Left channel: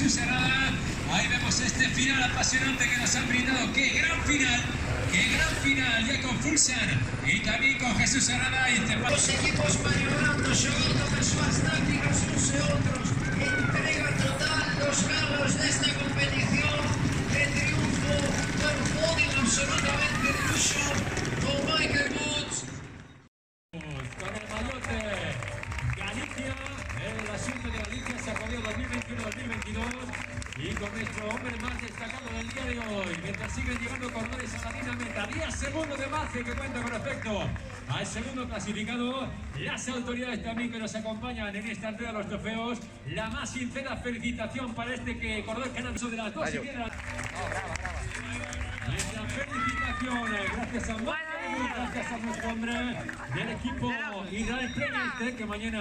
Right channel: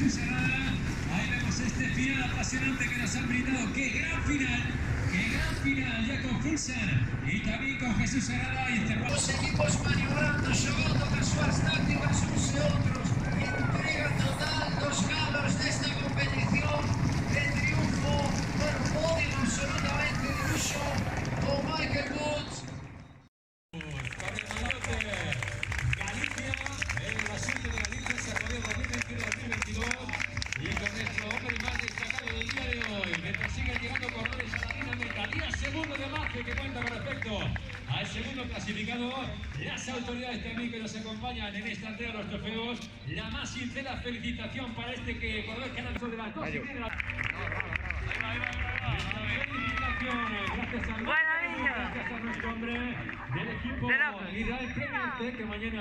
Jesús Herrada. Ahí vemos este final apasionante que nos han brindado. ¡Qué gran final! ¡Qué gran final! Ya con Fulsan y también con Jesús Herrada. Los equipos maniobrando, xogando con súas tácticas uns e outros. Entrega total dos galos desta competición de triunfo por podio absolutamente de luxo con Michael Woods. Con el malote Galicia, el asunto de Galicia Xacobeo 2021-2022 y con nuestro hombre más destacado del día de hoy, que persigue llegando cordones a la línea meta. Día segundo de margen que cuenta con respecto al segundo clasificado. Las autoridades también que nos acompañan en esta entrega de los trofeos. La más sincera felicitación para este que cordón que de las dos y viene nuestra felicitación, gracias a gracias a nuestro hombre del equipo Israel Premier que mañana